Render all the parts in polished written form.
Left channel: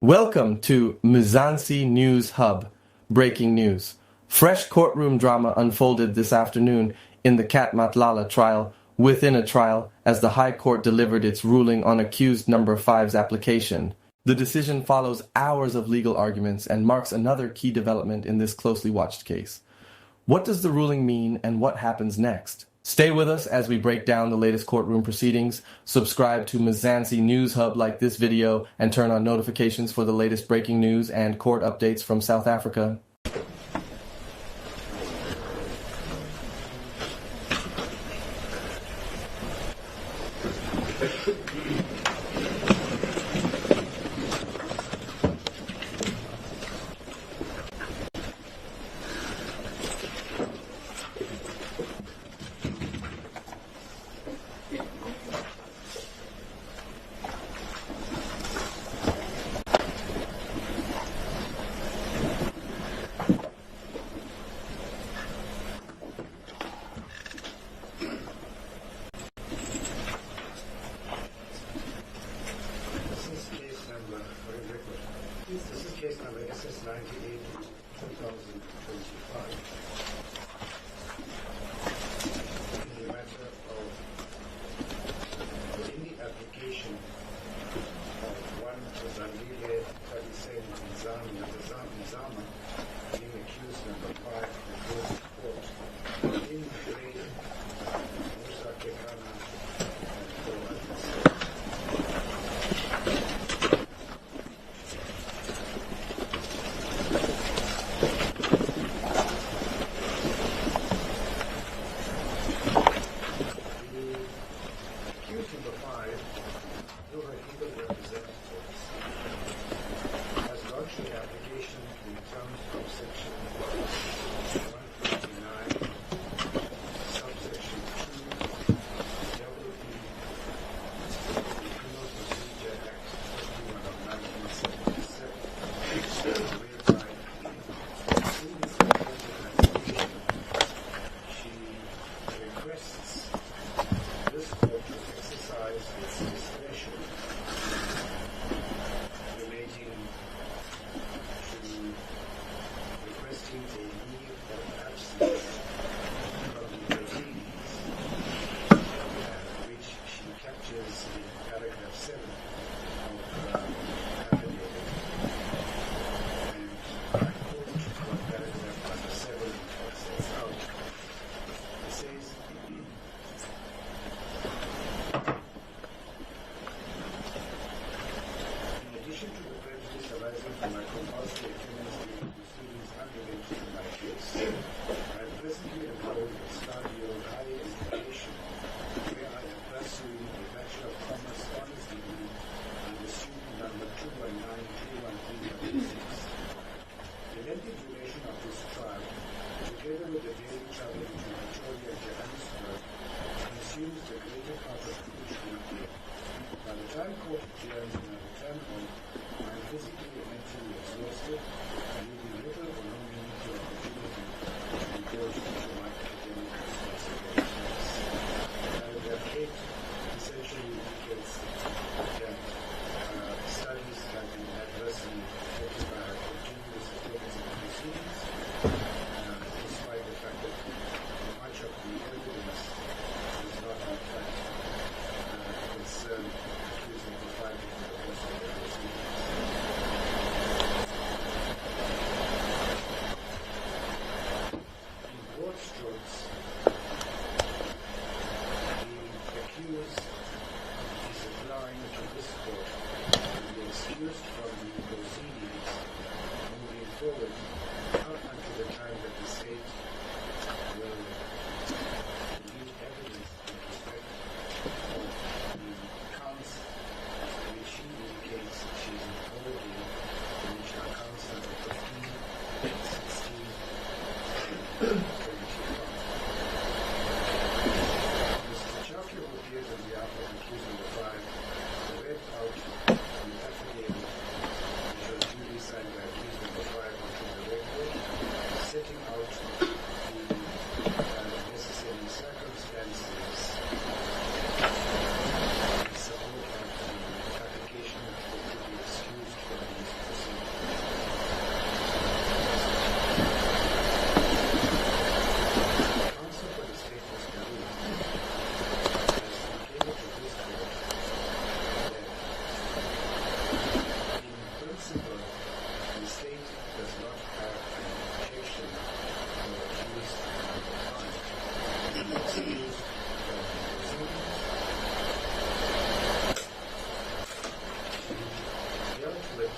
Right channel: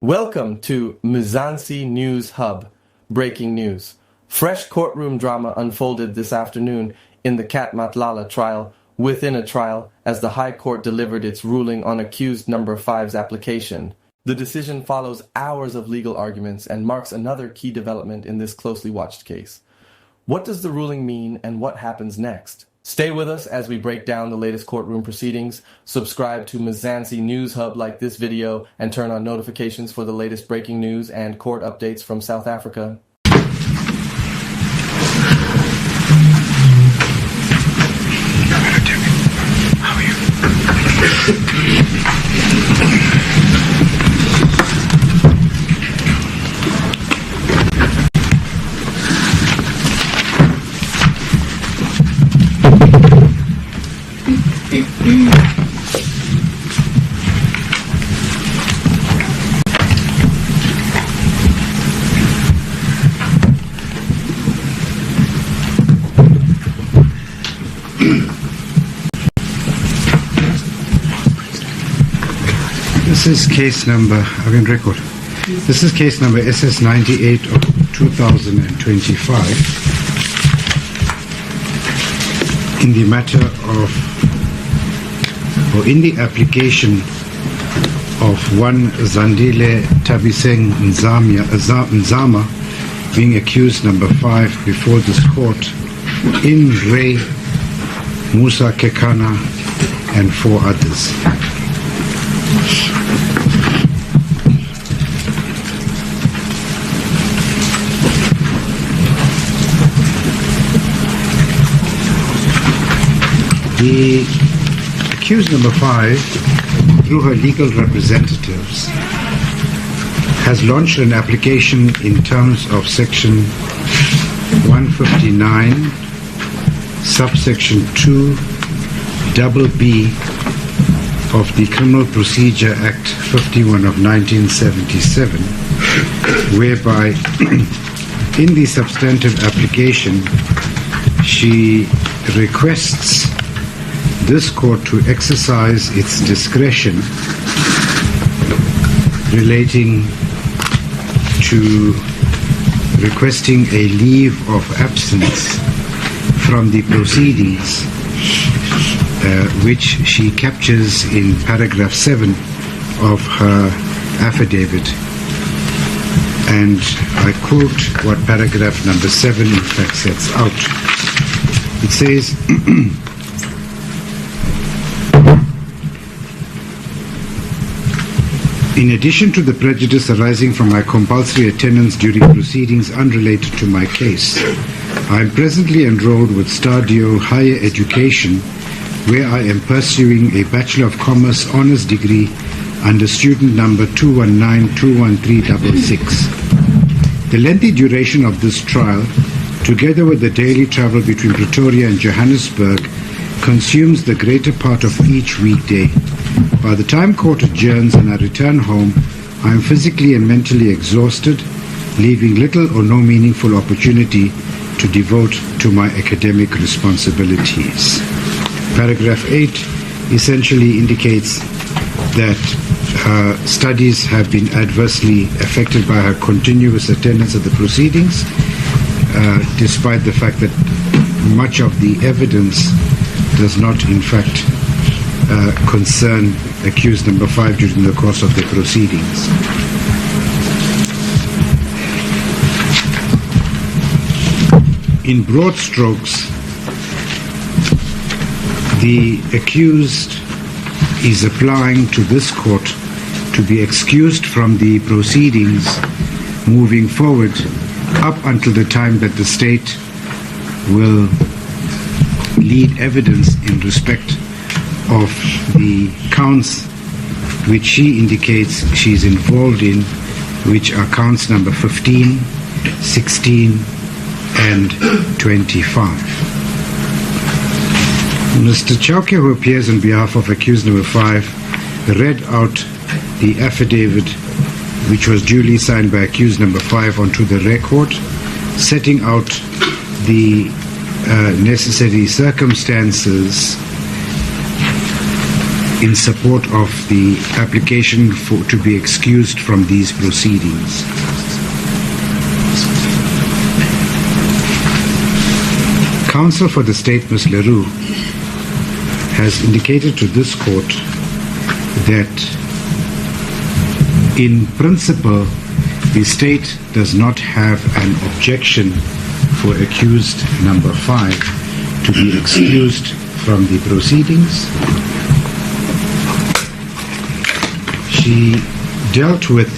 Welcome to Mzansi News Hub. Breaking news. Fresh courtroom drama unfolded this afternoon in the Cat Matlala trial within a trial as the High Court delivered its ruling on accused number 5's application. The decision follows hours of legal arguments and marks another key development in this closely watched case. What does the ruling mean and what happens next? Stay with us as we break down the latest courtroom proceedings. Subscribe to Mzansi News Hub, like this video, and turn on notifications for the latest breaking news and court updates from South Africa. How are you? This is case number, I can record. This is case number SS 98 of 2025 in the matter of, or in the application of one Zandile Tabiseng Nzama being accused number 5 before this court in Ray, Musa Kekana and 4 others. The accused number 5, through her legal representatives, has launched an application in terms of section 159, subsection 2, double B of the Criminal Procedure Act 51 of 1977, whereby in the substantive application she requests this court to exercise its discretion relating to requesting a leave of absence from the proceedings, which she captures in paragraph 7 of her affidavit. And I quote what paragraph number 7 in fact sets out. It says, in addition to the prejudice arising from my compulsory attendance during proceedings unrelated to my case, I am presently enrolled with Stadio Higher Education, where I am pursuing a Bachelor of Commerce Honours degree under student number 219-21366. The lengthy duration of this trial, together with the daily travel between Pretoria and Johannesburg, consumes the greater part of each weekday. By the time court adjourns and I return home, I am physically and mentally exhausted, leaving little or no meaningful opportunity to devote to my academic responsibilities. Paragraph 8 essentially indicates that her studies have been adversely affected by her continuous attendance at the proceedings, despite the fact that much of the evidence does not in fact concern accused number 5 during the course of the proceedings. In broad strokes, the accused is applying to this court to be excused from the proceedings moving forward up until the time that the state will lead evidence in respect of the counts which she indicates she's involved in, which are counts number 15, 16, and 25. Mr. Chauke, who appears on behalf of accused number 5, read out the affidavit which was duly signed by accused number 5 onto the record, setting out the necessary circumstances in support of the application to be excused from these proceedings. Counsel for the state, Ms. Leroux, has indicated to this court that in principle the state does not have an objection for accused number 5 to be excused from the proceedings. She dealt with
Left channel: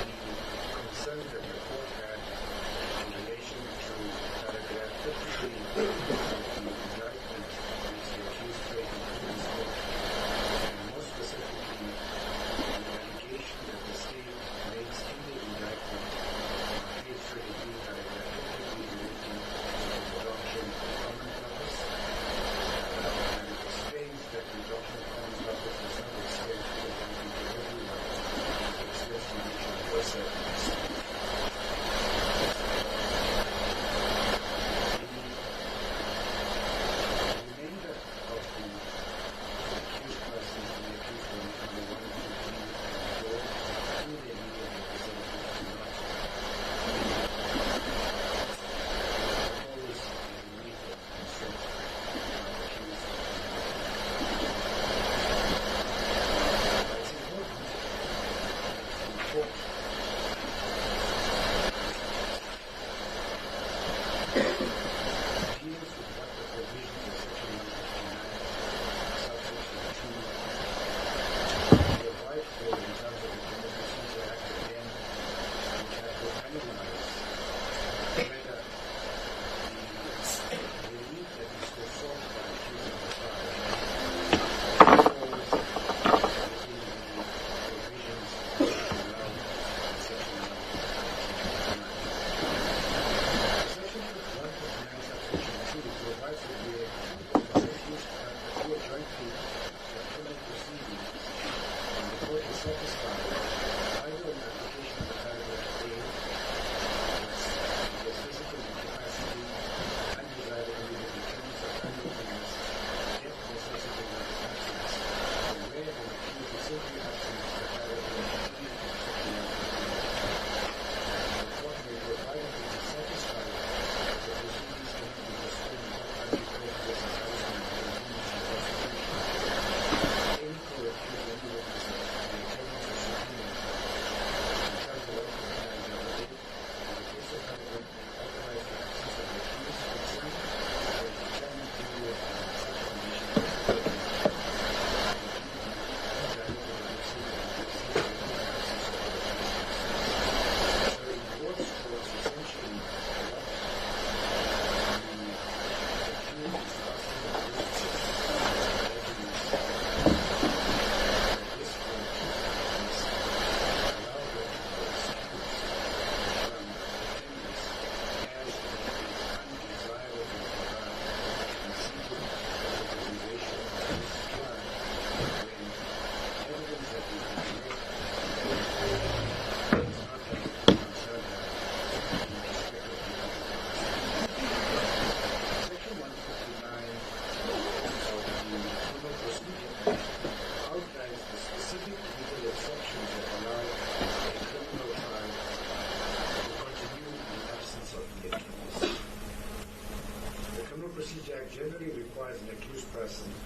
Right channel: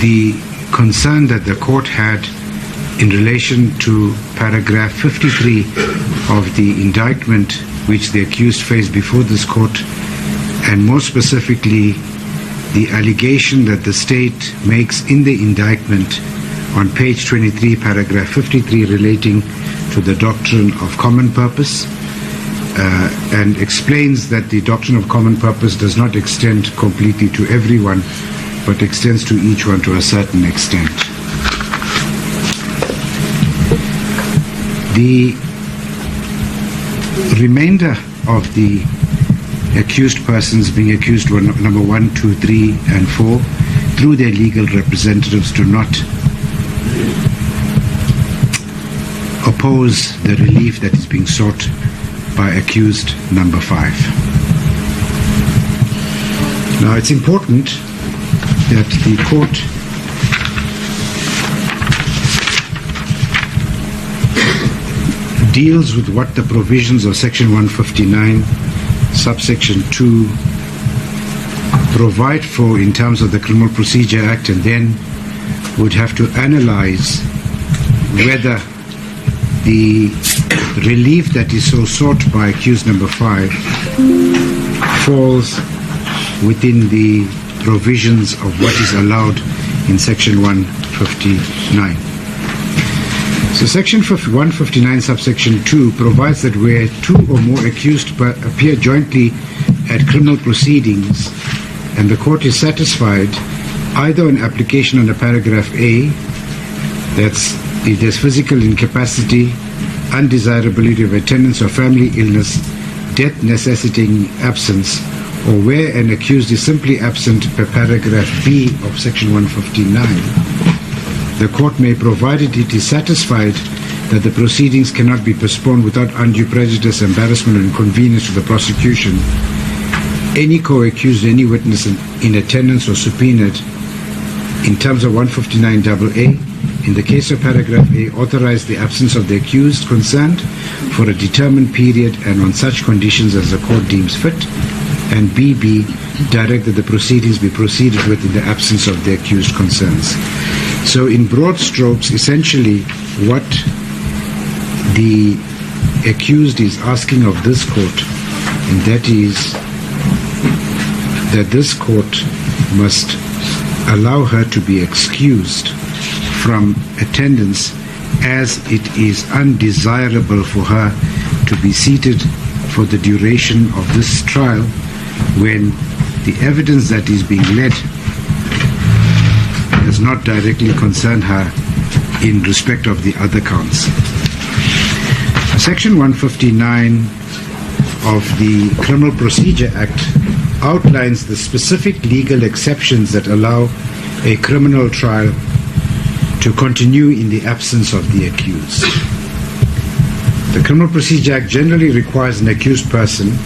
the concern that the court had in relation to paragraph 53 of the indictment which the accused faced before this court, and more specifically the allegation that the state makes in the indictment on page 23, paragraph 53, relating to the doctrine of common purpose, and explains that the doctrine of common purpose does not extend completely to everyone, but extends to each one to a certain extent. The remainder of the accused persons, being accused number 1, 2, 3, and 4, through their legal representatives, do not oppose the relief that is being sought by accused number 5. Now, it's important that the court deals with what the provisions of section 159 subsection 2 provide for in terms of the Criminal Procedure Act, and then would have to analyze whether the relief that is so sought by accused number 5 falls within the provisions of what is allowed in section 159. So section 159 subsection 2 provides that where 2 or more accused appear jointly at criminal proceedings and the court is satisfied either on application under paragraph A, that's if there's physical incapacity, undesirability of attendance or family illness, death necessitating absence, or where an accused is simply absent per paragraph B of section 159, the court may, provided it is satisfied that the proceedings cannot be postponed without undue prejudice, embarrassment, or inconvenience to the prosecution, any co-accused, any witness in attendance or subpoenaed in terms of 159AA, in the case of paragraph A, authorize the absence of the accused concerned for a determined period and on such conditions as the court deems fit, and BB, direct that the proceedings be proceeded with in the absence of the accused concerns. So in broad strokes, essentially what the accused is asking of this court, and that is that this court must allow her to be excused from attendance, as it is undesirable for her to be seated for the duration of this trial when the evidence that is being led does not directly concern her in respect of the other counts. Section 159 of the Criminal Procedure Act outlines the specific legal exceptions that allow a criminal trial to continue in the absence of the accused. The Criminal Procedure Act generally requires an accused person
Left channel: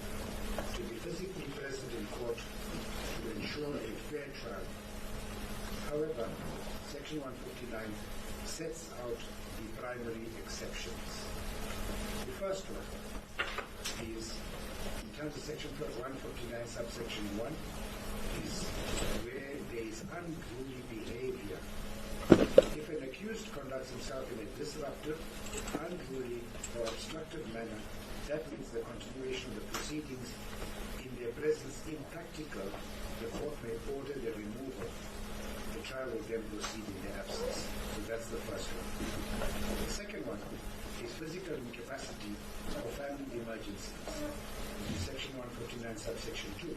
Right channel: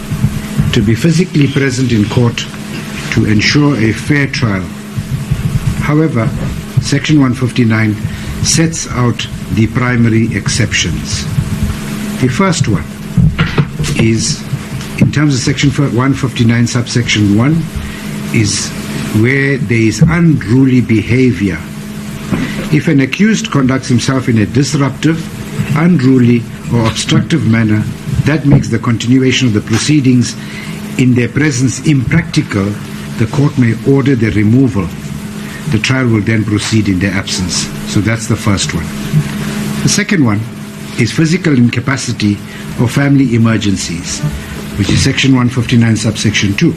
to be physically present in court to ensure a fair trial. However, Section 159 sets out the primary exceptions. The first one is, in terms of Section 159 subsection 1, is where there is unruly behavior. If an accused conducts himself in a disruptive, unruly, or obstructive manner that makes the continuation of the proceedings in their presence impractical, the court may order their removal. The trial will then proceed in their absence. So that's the first one. The second one is physical incapacity or family emergencies, which is Section 159 subsection 2.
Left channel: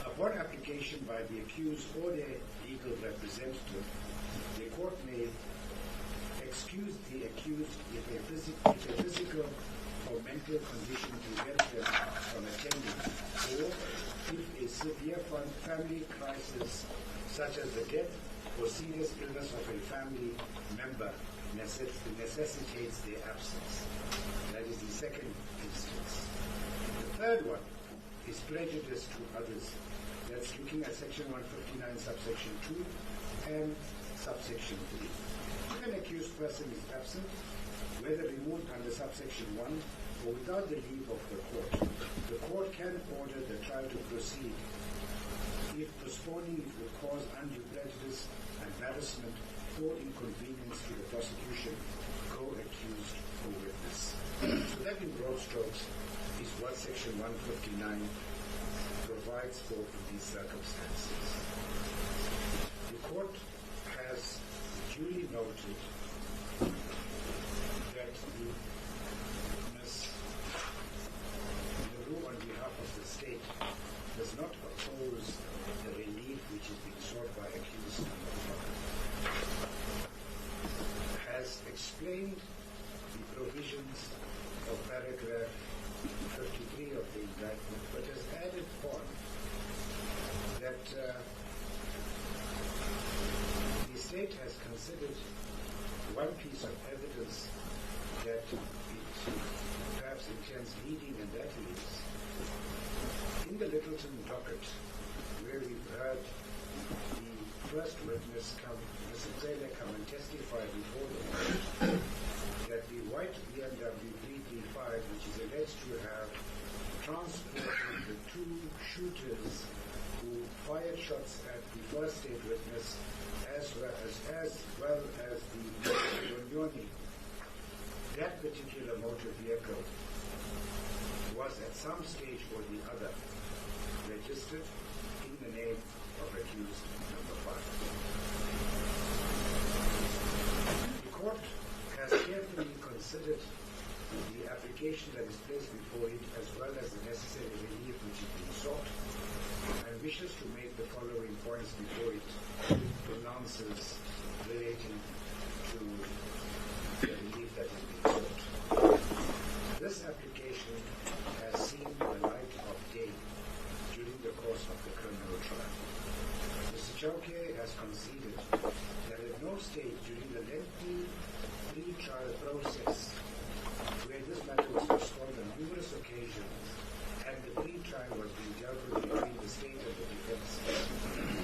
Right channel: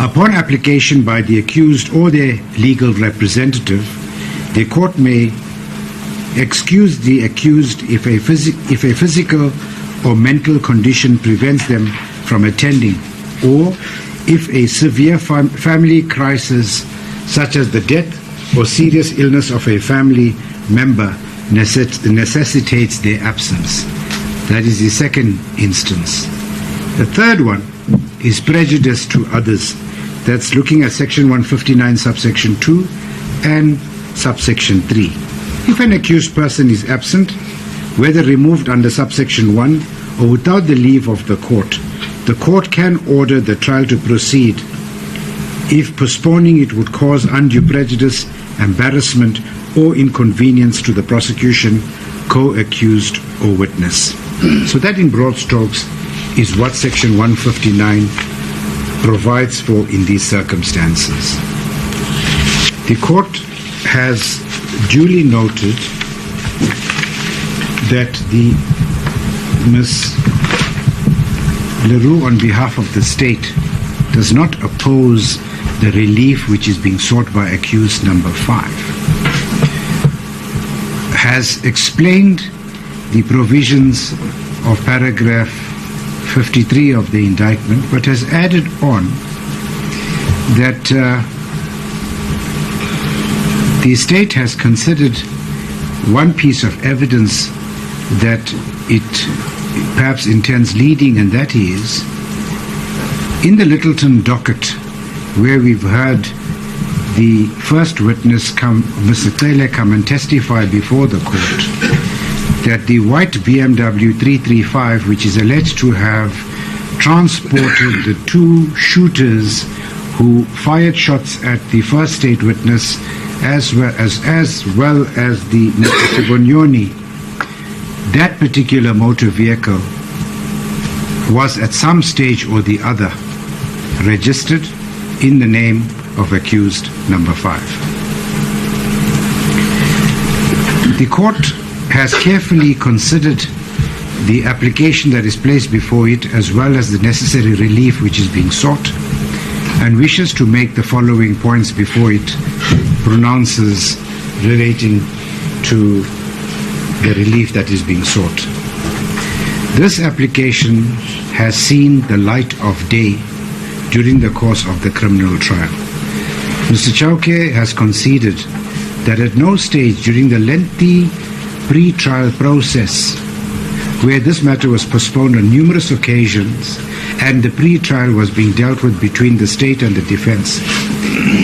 Upon application by the accused or their legal representative, the court may excuse the accused if a physical or mental condition prevents them from attending, or if a severe family crisis such as the death or serious illness of a family member necessitates their absence. That is the second instance. The third one is prejudice to others. That's looking at section 159 subsection 2 and subsection 3. If an accused person is absent, whether removed under subsection 1 or without the leave of the court can order the trial to proceed if postponing it would cause undue prejudice, embarrassment, or inconvenience to the prosecution, co-accused, or witness. So that in broad strokes is what section 159 provides for in these circumstances. The court has duly noted that the Ms. Leroux, on behalf of the state, does not oppose the relief which is being sought by accused number 5, has explained the provisions of paragraph 53 of the indictment, but has added on that the state has considered one piece of evidence that it perhaps intends leading, and that is in the Littleton docket, where we've heard the first witness Mr. Taylor, come and testify before the court that the white BMW 335, which is alleged to have transported the 2 shooters who fired shots at the first state witness as well as the Mr. Bonyoni, that particular motor vehicle was at some stage or the other registered in the name of accused number 5. The court has carefully considered the application that is placed before it, as well as the necessary relief which is being sought, and wishes to make the following points before it pronounces relating to the relief that is being sought. This application has seen the light of day during the course of the criminal trial. Mr. Chauke has conceded that at no stage during the lengthy pre-trial process, where this matter was postponed on numerous occasions and the pre-trial was being dealt with between the state and the defense,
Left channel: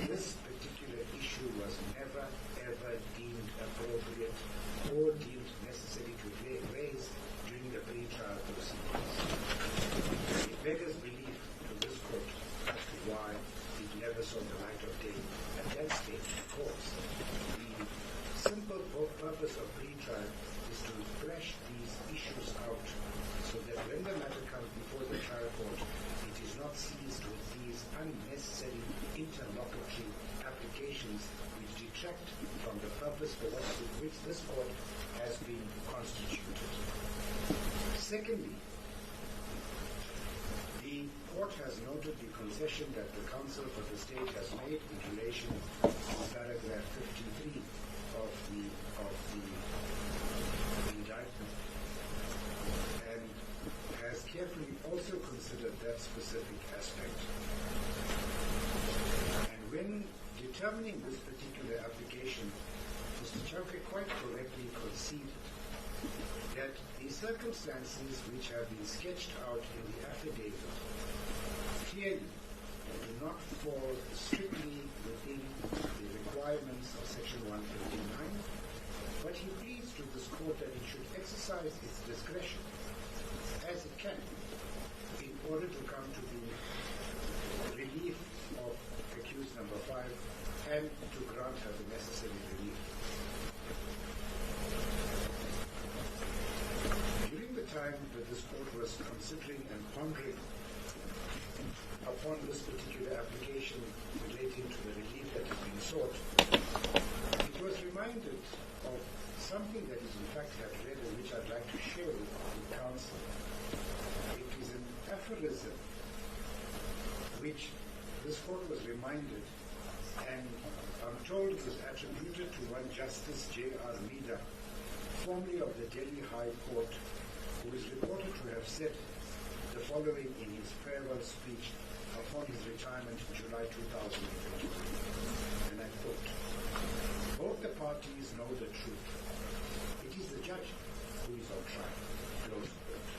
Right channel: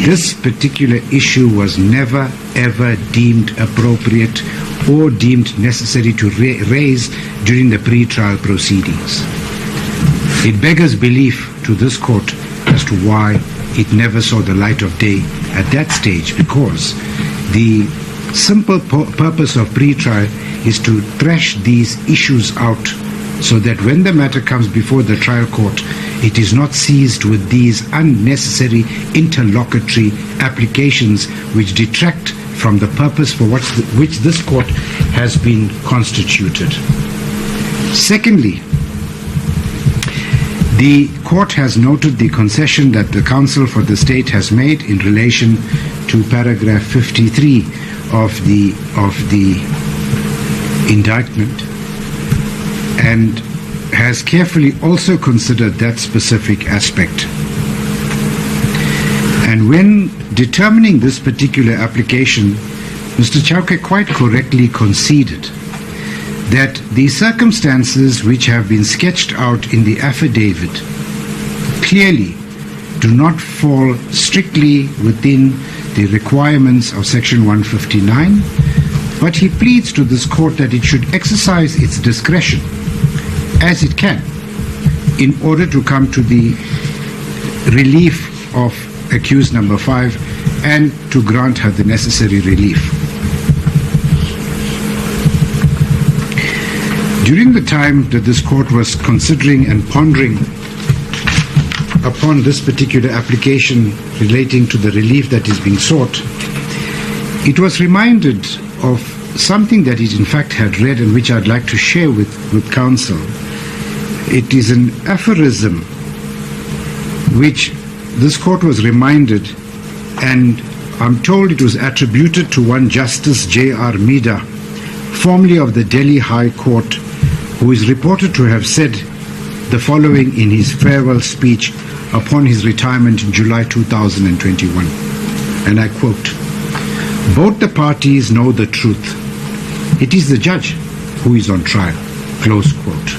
this particular issue was never ever deemed appropriate or deemed necessary to raise during the pre-trial proceedings. It beggars belief to this court as to why it never saw the light of day at that stage, because the simple purpose of pre-trial is to thresh these issues out so that when the matter comes before the trial court, it is not seized with these unnecessary interlocutory applications which detract from the purpose for which this court has been constituted. Secondly, the court has noted the concession that the counsel for the state has made in relation to paragraph 53 of the indictment, and has carefully also considered that specific aspect. And when determining this particular application, Mr. Chauke quite correctly conceded that the circumstances which have been sketched out in the affidavit clearly do not fall strictly within the requirements of section 159, but he pleads to this court that it should exercise its discretion as it can in order to come to the relief of accused number 5 and to grant her the necessary relief. During the time that this court was considering and pondering upon this particular application relating to the relief that is being sought, it was reminded of something that it in fact had read and which I'd like to share with counsel. It is an aphorism which this court was reminded, and I'm told it was attributed to one Justice J.R. Mida, formerly of the Delhi High Court, who is reported to have said the following in his farewell speech upon his retirement in July 2021. And I quote, "Both the parties know the truth. It is the judge who is on trial." Close quote.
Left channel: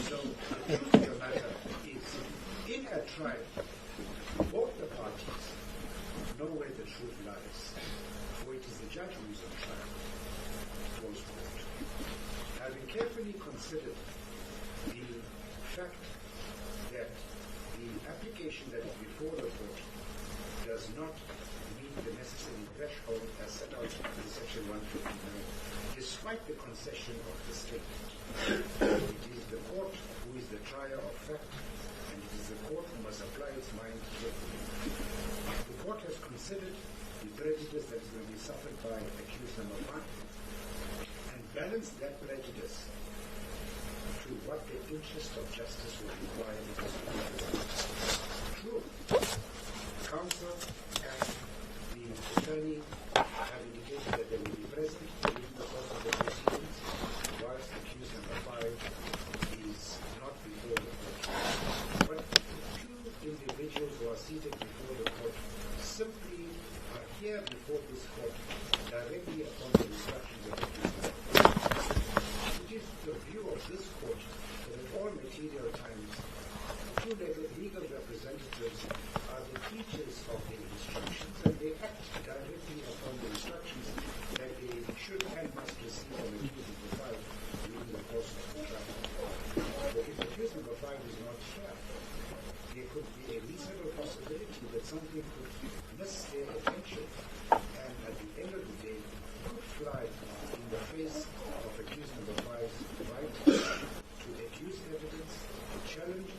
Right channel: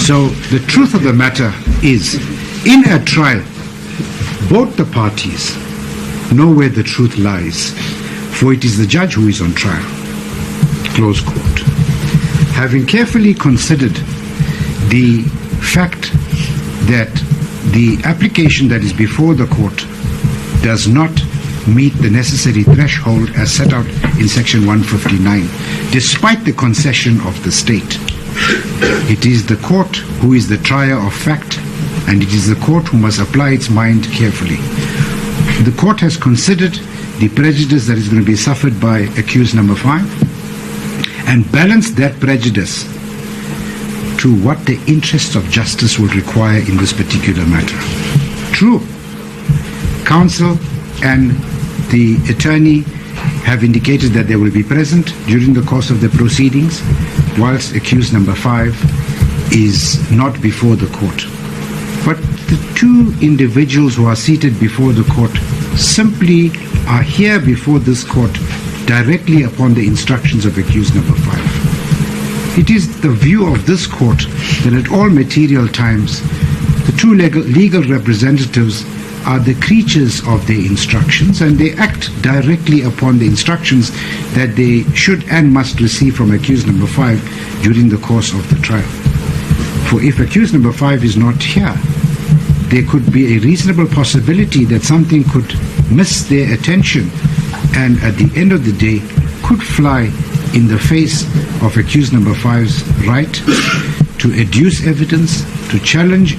So the truth of the matter is, in a trial, both the parties know where the truth lies, for it is the judge who is on trial. Close quote. Having carefully considered the fact that the application that is before the court does not meet the necessary threshold as set out in Section 159, despite the concession of the state, it is the court who is the trier of fact, and it is the court who must apply its mind carefully. The court has considered the prejudice that is going to be suffered by accused number 5 and balanced that prejudice to what the interests of justice will require in this particular matter. True, counsel and the attorney have indicated that they will be present during the course of the proceedings, whilst accused number 5 is not before the court. But the two individuals who are seated before the court simply are here before this court directly upon the instructions of accused number 5. It is the view of this court that at all material times the two legal representatives are the creatures of their instructions, and they act directly upon the instructions that they should and must receive from accused number 5 during the course of the trial. For if accused number 5 is not here, there could be a reasonable possibility that something could miss their attention and at the end of the day could fly in the face of accused number 5's right to adduce evidence, to challenge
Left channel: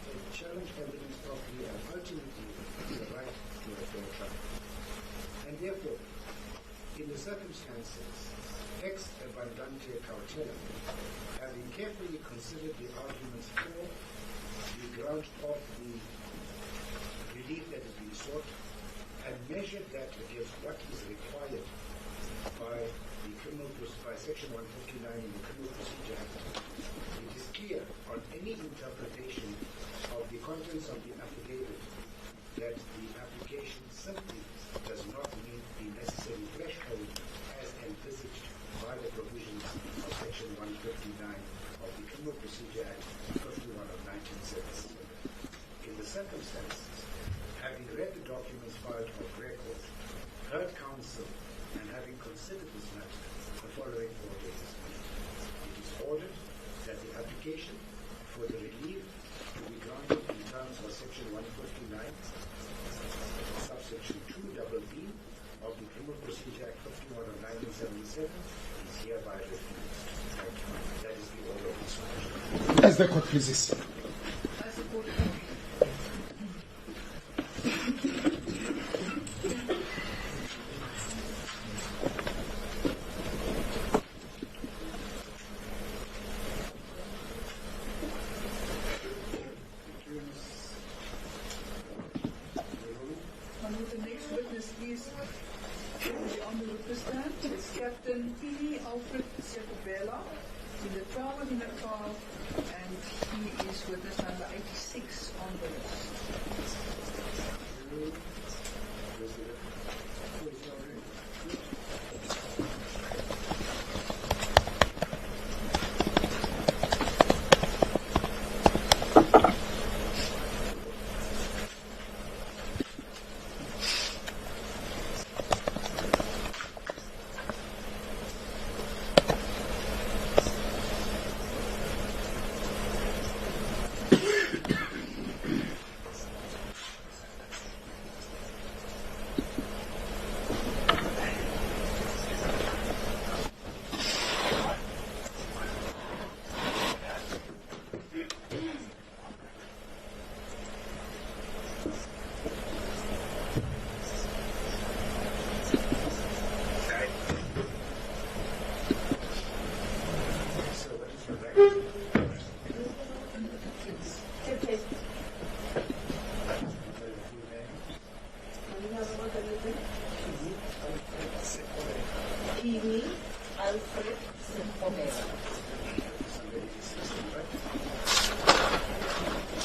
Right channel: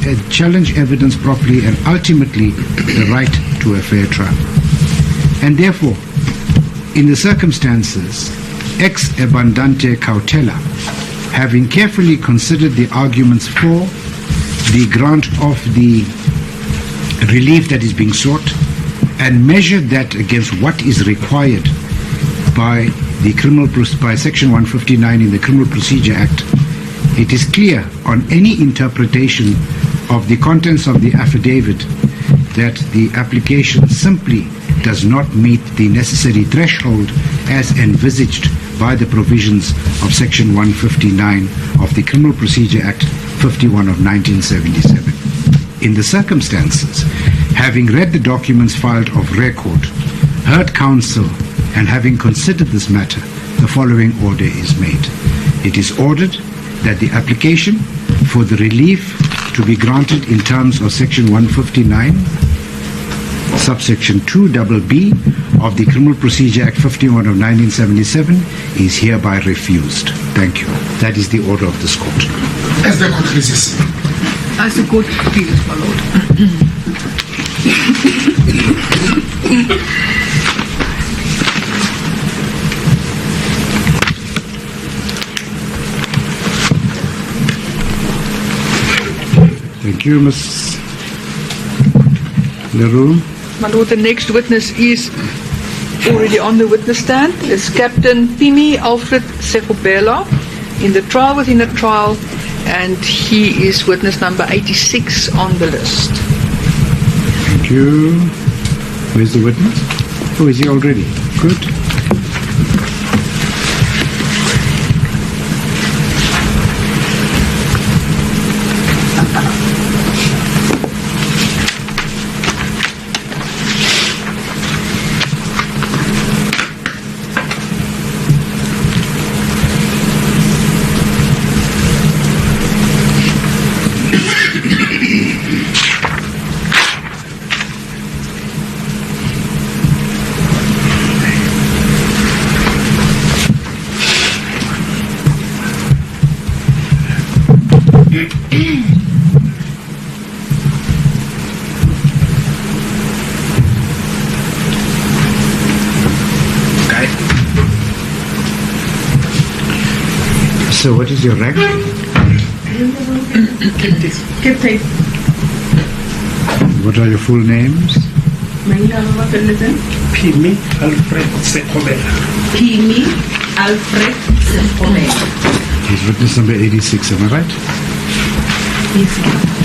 evidence properly, and ultimately the right to a fair trial. And therefore, in the circumstances, ex abundante cautela, having carefully considered the arguments for the grant of the relief that is being sought and measured that against what is required by Section 159 in the Criminal Procedure Act, it is clear on any interpretation of the contents of the affidavit that the application simply does not meet the necessary threshold as envisaged by the provisions of Section 159 of the Criminal Procedure Act 51 of 1977. In the circumstances, having read the documents filed of record, heard counsel, and having considered this matter, the following order is made. It is ordered that the application for the relief to be granted in terms of Section 159, subsection 2BB of the Criminal Procedure Act 51 of 1977 is hereby refused. Thank you. That is the order of this court. As the court pleases. As the court pleases, my lord. Thank you, Ms. Leroux. My lord, the next witness is already on the witness stand. It's Captain Pimi Alfred Sekobela in the trial within a trial, and he is witness number 86 on the list. Thank you. Where's the witness? Oh, is he already? Good. So what is your rank? Captain. What are your full names? Pimi Alfred Sekobela. Pimi Alfred Sekobela. He's witness number 86, am I right? Yes, sir.